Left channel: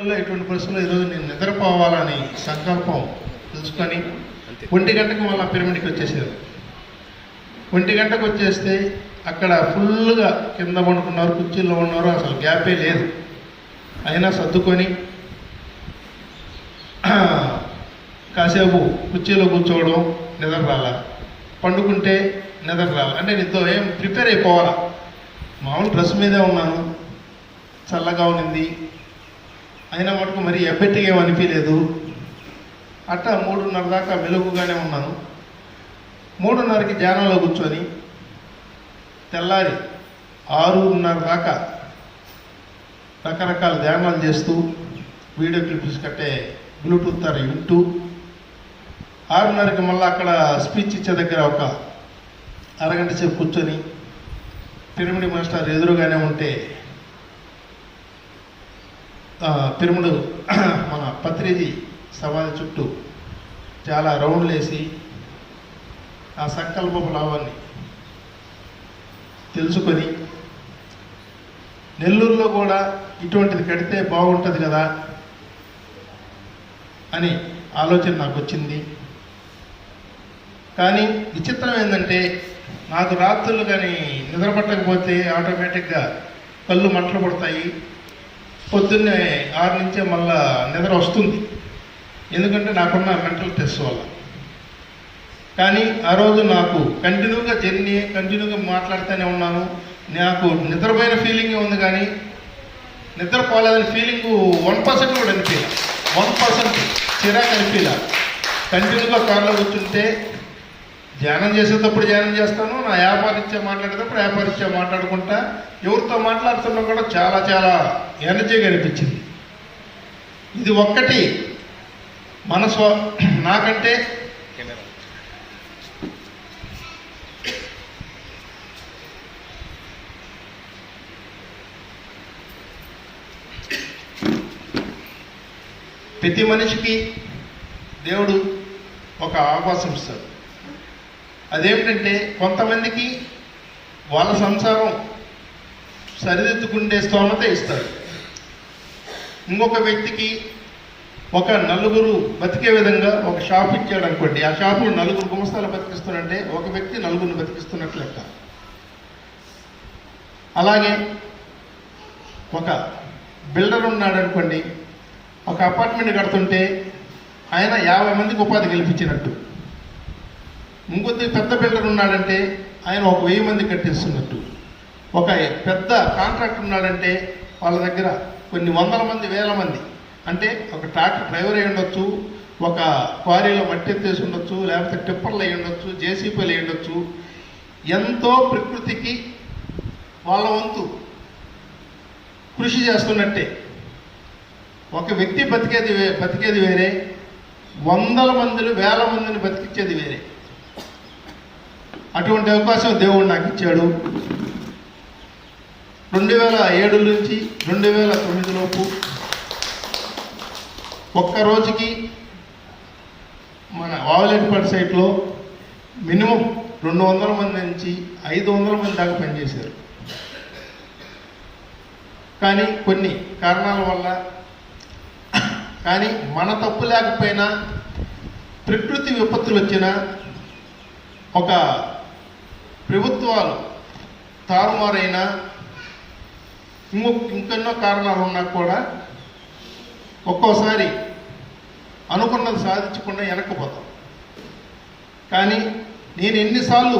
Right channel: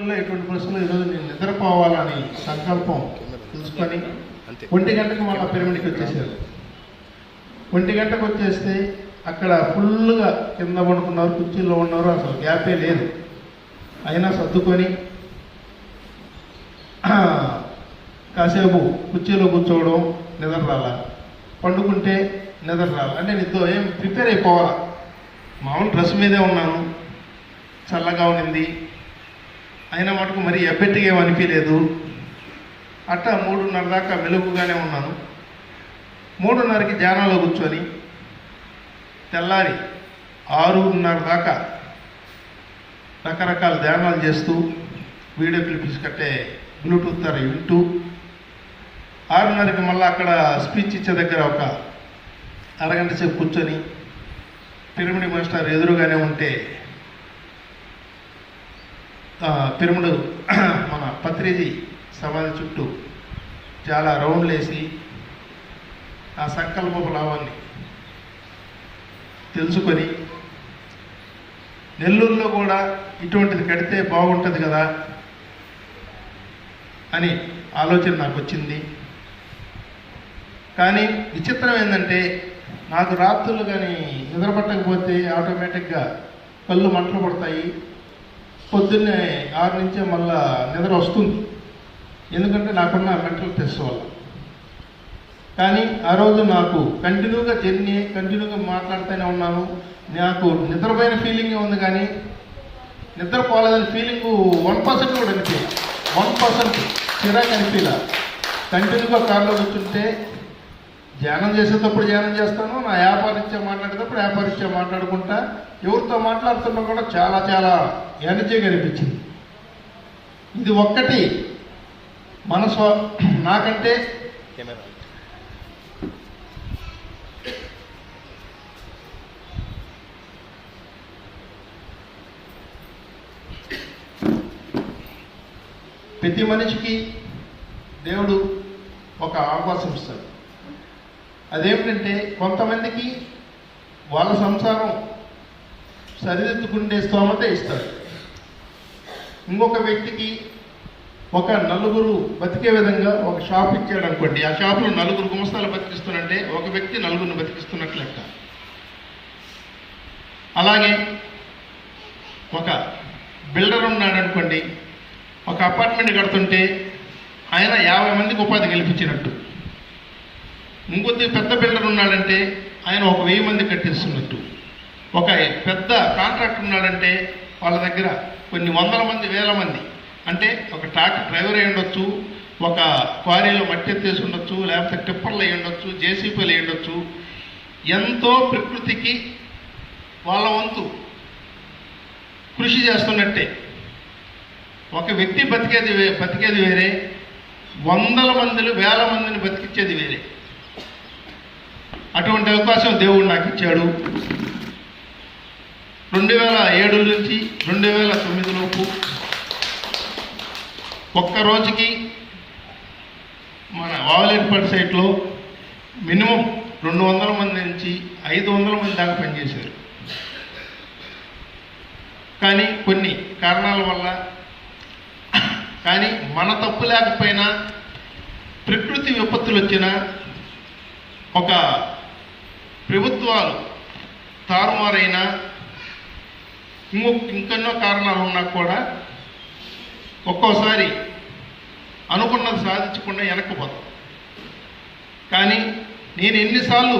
పరిస్థితుల్లో ఎటువంటి పరిస్థితుల్లో ఈరోజు నేను నిద్రపోవాలని సంకల్పం తెలుసుకొని ఒంటి గంటకి మళ్ళీ పిరమిడ్కి వచ్చేసారు. ఒంటి గంటకు వచ్చేస్తే అక్కడ ఫుల్గా కింద పడుకున్నారు కుర్చీల్లో ఉన్నారు అసలు గ్యాపే లేదు. అయినా సర్దుకొని కాసేపు కుర్చీలో కూర్చోవడం నిద్ర రాల పండుకుంటే నిద్ర రాల అంటే నిద్ర ఏం ప్రిపేర్ అయిపోవాలా? మామూలు డ్రెస్ మీదే ఉన్నాను. చల్లగా ఉన్నింది అయినా మటుకు మరి ఎఫెక్ట్గా ఏమి అనిపించలేదు అట్లా మూడున్నర దాకా మెలుగుగానే ఉన్నాను. మూడున్నరకి ధ్యానంలో కూర్చొని తెల్లారి ఆరున్నర దాకా రకరకాల ధ్యానాలు చేస్తూ వీడియో క్లిప్స్ కట్టే బ్లూటూత్ ద్వారా వింటూ ఆరున్నరకి మళ్ళీ అక్కడ స్పీచ్ ఇచ్చే దగ్గర ఒక అరగంట సేపు కూర్చొని పిరమిడ్ మాస్టర్ ఎదురుగానే ఉంటే పిరమిడ్ మన పత్రిది సమాధి చుట్టూ చాలా రౌండ్లు వేసి ఆ సంకల్పపు లావాన్ని తెలుసుకొని నెల్లూరులో కూడా ఇటువంటిది కడితే బాగుంటుంది కదా అని ఆలోచన నాకు వచ్చింది కానీ విచిత్రం ఏంటంటే నాకు రాత్రులు కానీ నిద్ర పట్టకపోతే ఆటోమేటిక్గా కళ్ళు మంటలు పడతాయి. పొద్దున్నే ఆరు నుంచే మళ్ళా నిద్ర వస్తుంది. ఎందుకంటే నాకున్న మెంటల్ టెస్ట్ వల్ల. కానీ ఆ రోజు నాకు కంటిన్యూగా జర్నీ కంటిన్యూగా మాట్లాడుతూనే ఉన్నాను. నాకు నిద్రపోయిన ఫీలింగ్ ఉంది కానీ నిద్రపోలేదని ఫీలింగ్ వన్ పర్సెంట్ కూడా అనిపించలే. వన్ పర్సెంట్ చిరాకు అనిపించలే. కంటిన్యూగా కార్లో కూర్చుంటే ధ్యానం చేసేటప్పుడు ధ్యానం చేస్తాను నా వ్యాపారిత్యా మాట్లాడేటప్పుడు వ్యాపారిత్యా మాట్లాడుకుంటా. ఎవరితో మాట్లాడుతున్నా కూడా చాలా చాలా ఎనర్జీగా అనిపించింది ఇది ఒక్కటి. మనసు నాకంటే ప్రతి మనిషికి దేవుడు ఒక అవకాశం ఇస్తాడు. అదేమిటంటే కొంతమందికి వాళ్ళ సంసారం సరిదిద్దుకుండే స్తోమత ఇస్తారు. ఇంకొక వ్యక్తికి ఒక నలుగురు బతికే విధంగా ఒక షాప్ ఇచ్చాడు అనుకోండి ఆ షాపులో నలుగురు గుమస్తాలు బతికిస్తున్నట్టే ఒక వ్యక్తి నలుగురిని బతికిస్తున్నట్లు లెక్క. అలాగే ఒక బిల్డర్ ఉన్నాడు అనుకోండి ఒక అపార్ట్మెంట్ కడుతుంటే ఆయన యాభై మందికి ఉపాధి కల్పించినట్టు. ఇంకొద్ది పెద్ద బిల్డర్ ఉన్నాడంటే ఆయన ఒక వెయ్యి మంది కట్టిస్తున్నట్టు. ఒక పెద్ద కాంట్రాక్ట్ ఉన్నాడంటే వాళ్ళ దగ్గర కొన్ని వందల మంది వేల మంది. అంటే ఒక ట్రాక్టర్ డ్రైవర్ అయి ఉండొచ్చు ఒక క్వారీలో మట్టి ఎత్తేసి ఉండొచ్చు లేకపోతే టిప్పర్లు అయి ఉండొచ్చు జేసీపీలు అయి ఉండొచ్చు. ఎంతో ప్రకృతికి వాళ్ళ వంతు కృషి చేస్తున్నట్టే. ఒక వ్యక్తి బతికేది వే- బతికేది వేరే వందల మందిని వేల మందిని బతికించేది వేరే. అటువంటి అవకాశం దేవుడు నాకు ఇచ్చాడు. రెండు వేల ఏడు నుంచి రెండు వేల తొమ్మిది లోపు ఒక్క రోజుకి మన వావలేటిపల్లి సైట్లో మినిమం రెండు వందల మంది నుంచి ఐదు వందల మంది దాకా పనిచేశారు. కానీ కొన్ని కారణాల వల్ల కానీ మన తప్పు లేకపోయినా ప్రకృతి విపత్తులు వచ్చిన ఒక ప్రభుత్వాలు తారుమారైన ఇంకొక ఇంకెన్నో కారణాలు ఉన్నా కూడా ఒక్కోసారి అనుకున్నది సాధించకుండా వెనక్కిపోతాం. కానీ నేను ఎన్నిసార్లు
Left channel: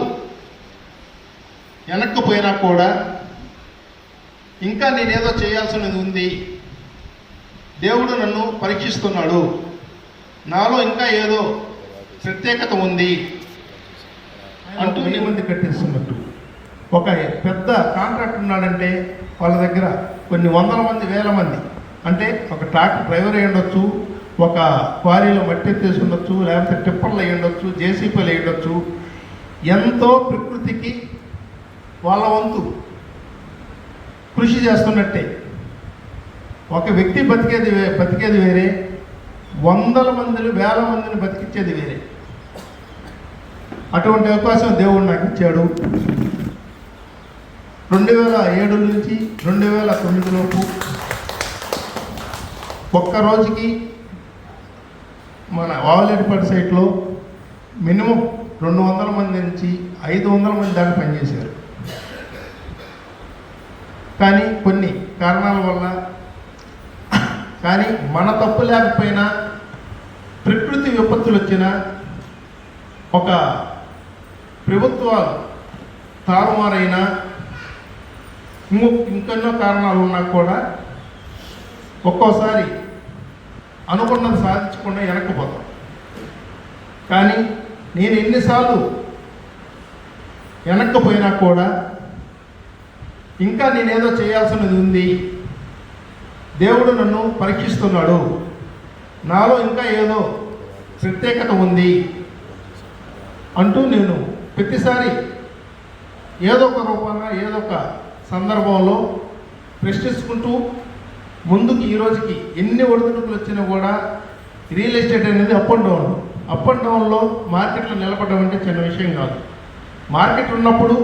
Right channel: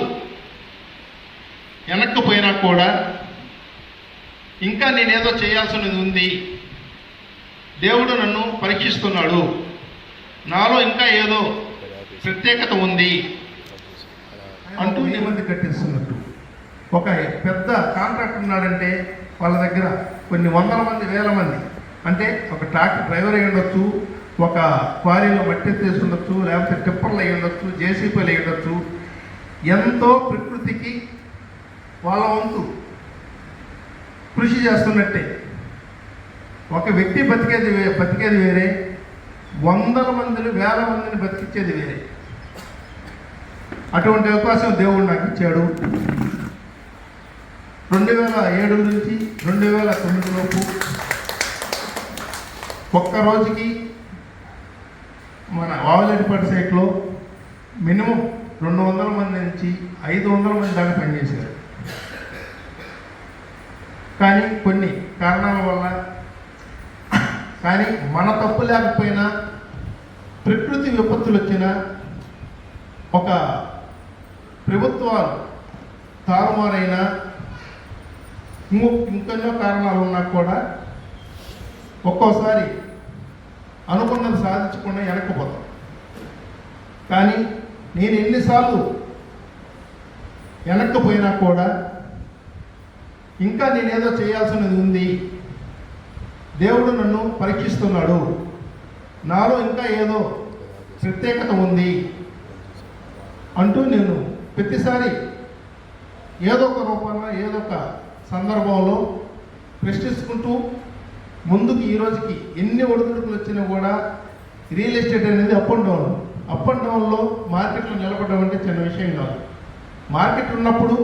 వెనక్కిపోయినా కూడా ఇంకా నేనేదో చేయాల్సినది ఉంది. దేవుడు నన్ను పరీక్షిస్తున్నాడు. నాలో ఇంకా ఏదో ప్రత్యేకత ఉంది. అంటూ నిబంధన కట్టిస్తున్నట్టు. ఒక పెద్ద కాంట్రాక్ట్ ఉన్నాడంటే వాళ్ళ దగ్గర కొన్ని వందల మంది వేల మంది. అంటే ఒక ట్రాక్టర్ డ్రైవర్ అయి ఉండొచ్చు ఒక క్వారీలో మట్టి ఎత్తేసి ఉండొచ్చు లేకపోతే టిప్పర్లు అయి ఉండొచ్చు జేసీపీలు అయి ఉండొచ్చు. ఎంతో ప్రకృతికి వాళ్ళ వంతు కృషి చేస్తున్నట్టే. ఒక వ్యక్తి బతికేది బతికేది వేరే వందల మందిని వేల మందిని బతికించేది వేరే. అటువంటి అవకాశం దేవుడు నాకు ఇచ్చాడు. రెండు వేల ఏడు నుంచి రెండు వేల తొమ్మిది లోపు ఒక్క రోజుకి మన వావలేటిపల్లి సైట్లో మినిమం రెండు వందల మంది నుంచి ఐదు వందల మంది దాకా పనిచేశారు. కానీ కొన్ని కారణాల వల్ల కానీ మన తప్పు లేకపోయినా ప్రకృతి విపత్తులు వచ్చిన ఒక ప్రభుత్వాలు తారుమారైన ఇంకో ఇంకెన్నో కారణాలు ఉన్నా కూడా ఒక్కోసారి అనుకున్నది సాధించకుండా వెనక్కిపోతాం కానీ నేను ఎన్నిసార్లు వెనక్కిపోయినా కూడా ఇంకా నేనేదో చేయాల్సినది ఉంది. దేవుడు నన్ను పరీక్షిస్తున్నాడు. నాలో ఇంకా ఏదో ప్రత్యేకత ఉంది అంటూ నేను ప్రతిసారి ఏదో ఒక రూపంగా ఏదో ఒక సందర్భంలో ప్రశ్నించుకుంటూ ముందుకు ఈ రోజుకి ఎన్ని ఒడిదుడుకులు వచ్చినా కూడా రియల్ ఎస్టేట్ అనేది up and down up and డౌన్లో మార్కెట్లు నిలబడడం అంటే చిన్న విషయం కాదు. మార్కెట్ ఉన్నప్పుడు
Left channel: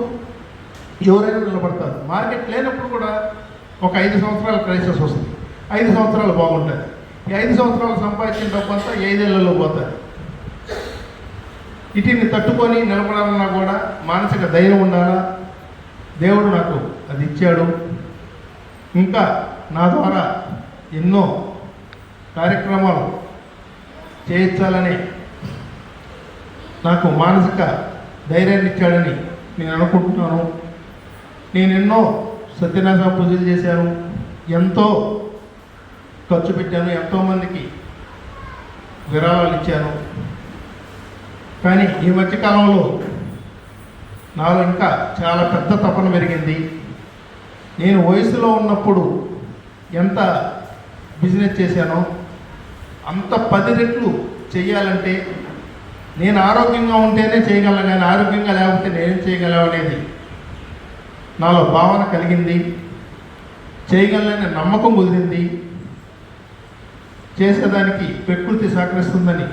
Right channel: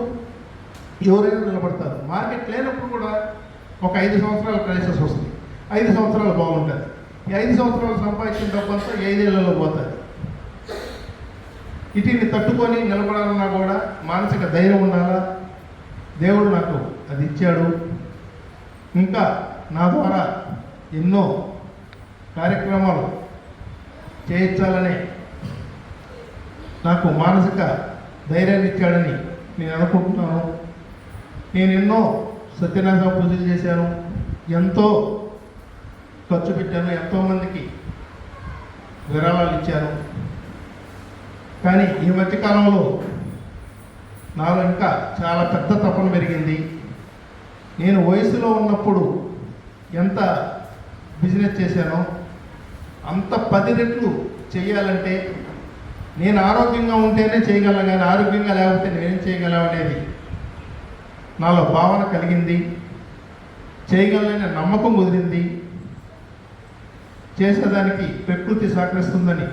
ఎవరైనా నిలబడతారు. మార్కెట్ లేనప్పుడు కూడా ఒక ఐదు సంవత్సరాల క్రైసిస్ వస్తుంది. ఐదు సంవత్సరాలు బాగుంటుంది ఈ ఐదు సంవత్సరాలు సంపాదించిన డబ్బు అంతా ఐదేళ్ళలో పోతుంది వీటిని తట్టుకొని నిలబడాలన్నా కూడా మానసిక ధైర్యం ఉండాలా? దేవుడు నాకు అది ఇచ్చాడు. ఇంకా నా ద్వారా ఎన్నో కార్యక్రమాలు చేయించాలని నాకు మానసిక ధైర్యాన్ని ఇచ్చాడని నేను అనుకుంటున్నాను. నేను ఎన్నో సత్యనారాయణ పూజలు చేశాను. ఎంతో ఖర్చు పెట్టాను. ఎంతోమందికి విరాళాలు ఇచ్చాను. కానీ ఈ మధ్యకాలంలో నాలో ఇంకా చాలా పెద్ద తపన పెరిగింది. నేను వయసులో ఉన్నప్పుడు ఎంత బిజినెస్ చేశానో అంత పది రెట్లు చేయాలంటే నేను ఆరోగ్యంగా ఉంటేనే చేయగలను నేను ఆరోగ్యంగా లేకపోతే నేనేం చేయగలను అనేది నాలో భావన కలిగింది. చేయగలననే నమ్మకం కుదిరింది. చేసేదానికి ప్రకృతి సహకరిస్తుందని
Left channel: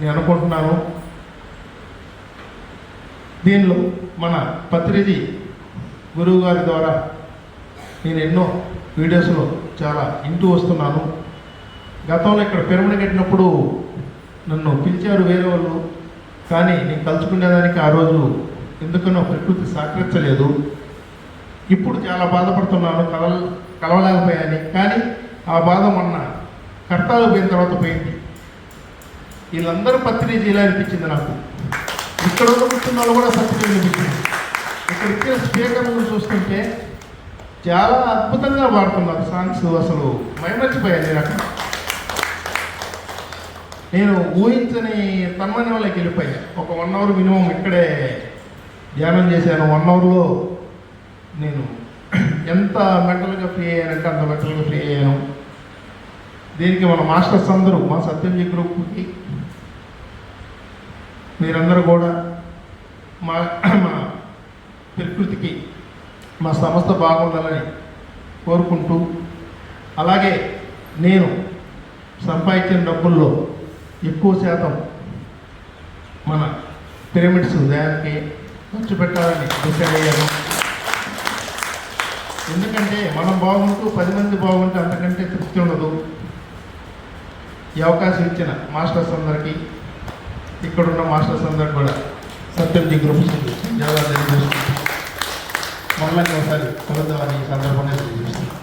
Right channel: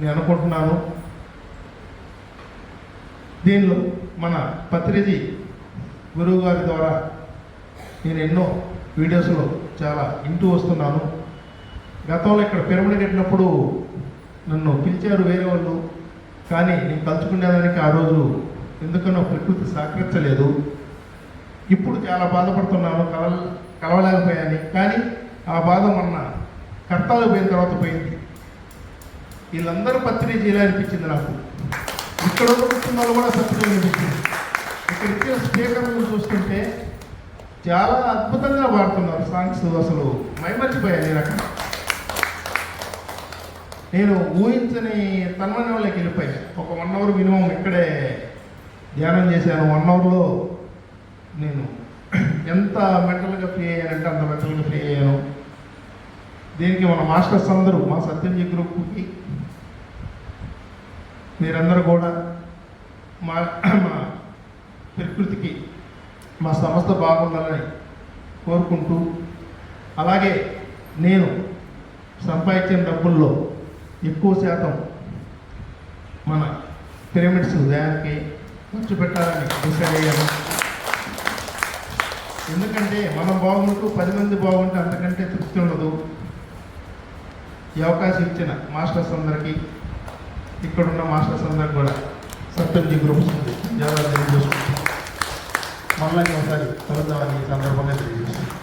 నేను అనుకుంటున్నాను. దీనిలో మన పత్రిజీ గురువు గారి ద్వారా నేను ఎన్నో వీడియోస్లో చాలా ఇంటూ వస్తున్నాను. గతంలో ఇక్కడ పిరమిడ్ కట్టినప్పుడు నన్ను పిలిచారు వేరే వాళ్ళు. కానీ నేను కలుసుకునేదానికి ఆ రోజు ఎందుకనో ప్రకృతి సహకరించలేదు. ఇప్పుడు చాలా బాధపడుతున్నాను కలవ కలవలేకపోయాని. కానీ ఆ బాధ మొన్న కర్తాలు పోయిన తర్వాత పోయింది. వీళ్ళందరూ పత్రిక చేయాలనిపించింది అనిపించింది నాకు. ఇక్కడ కూర్చున్న వాళ్ళు కూడా పత్రిక అనిపించింది ఇక్కడ ఇచ్చిన స్పీకర్లను చూస్తుంటే చాలా అద్భుతంగా పాడుతున్నారు సాంగ్స్ అసలు. మైమర్చిపోయాను నేను అక్కడ నేను ఊహించని తన్మయంలోకి వెళ్ళిపోయాను ఒక వన్ అవర్ మినిమం ఇక్కడే ధ్యానం చేశాను. వన్ అవర్లో నేను ఎంత మెంటల్గా ఫ్రీ అయ్యానంటే అంత మెంటల్గా ఫ్రీ అయ్యాను. దీనికి మన మాస్టర్స్ అందరూ మా సత్యంజీ గ్రూప్కి మీరందరూ కూడా మా మన ప్రకృతికి మా సంస్థ బాగుండాలని కోరుకుంటూ అలాగే నేను సంపాదించిన డబ్బుల్లో ఎక్కువ శాతం మన పిరమిడ్స్ దానికి ఖర్చు పెట్టాలని డిసైడ్ అయ్యాను. ఎందుకంటే మనం బాగుంటూ పది మంది బాగుంటే అంతకంటే తృప్తి ఉండదు. ఈ అవకాశం ఇచ్చిన మాస్టర్స్ అందరికీ ఇక్కడున్న మాస్టర్స్ అందరికి కూడా సత్యంజీ గ్రూప్స్ జాగ్రత్త తెలియజేస్తున్నాను. మళ్ళీ ఒకసారి కలుద్దామని ఈ సందర్భంగా తెలియజేస్తున్నాను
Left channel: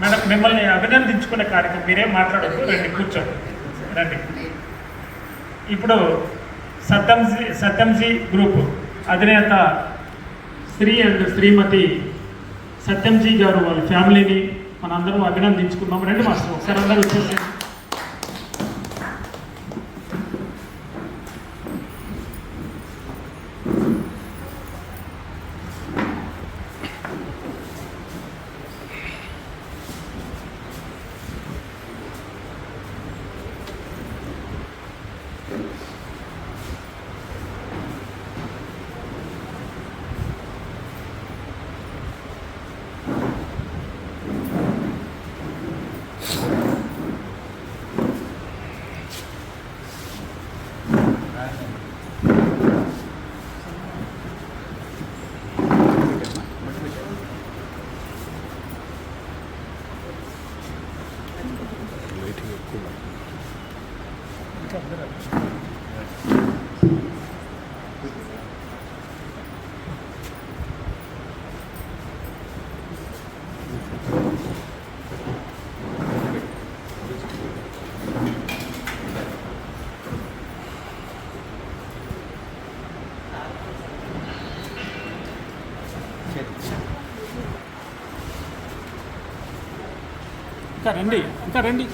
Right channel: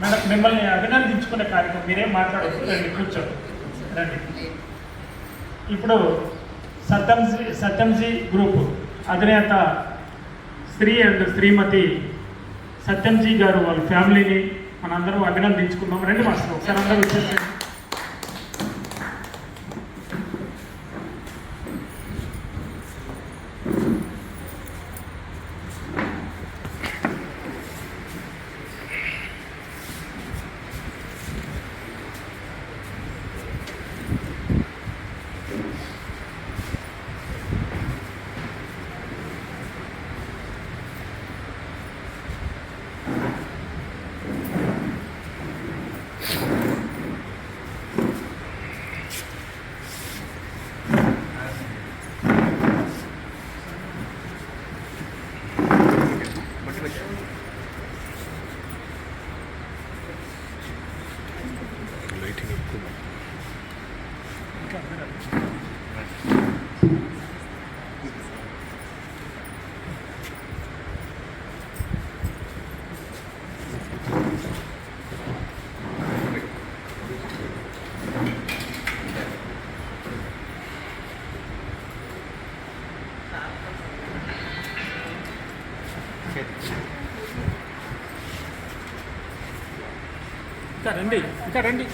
మేడం మిమ్మల్ని అభినందించుకునే కార్యక్రమం మీరేం మాట్లాడదు రండి కూర్చోండి. రండి. ఇప్పుడు సత్యంజీ సత్యంజీ గ్రూప్ అధినేత శ్రీ అండ్ శ్రీమతి సత్యంజీ గారు వాళ్ళ ఫ్యామిలీని మనందరం అభినందించుకున్నాం రండి మాస్టర్ ఒకసారి అందరూ వచ్చేసారు ఇంకా రండి ఇంకా రండి.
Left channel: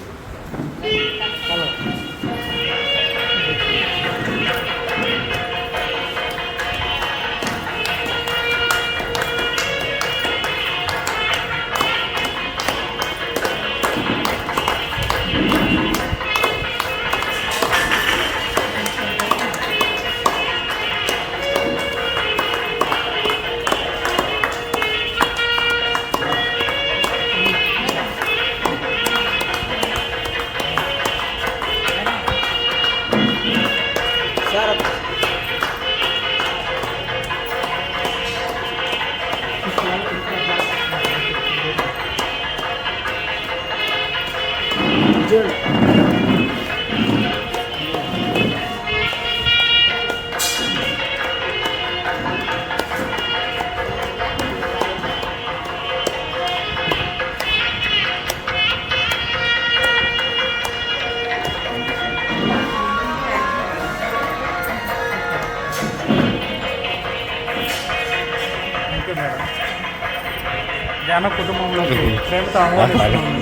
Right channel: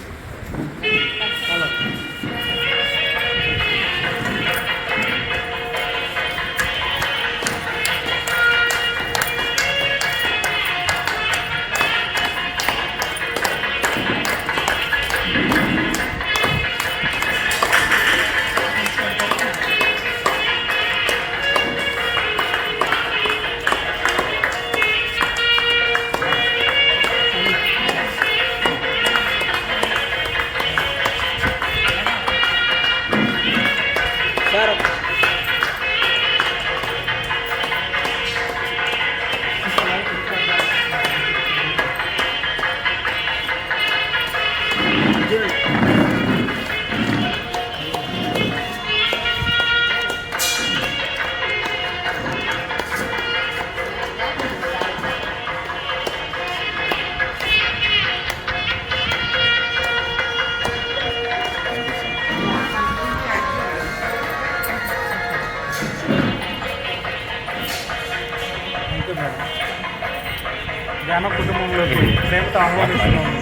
కుటుంబంలోకి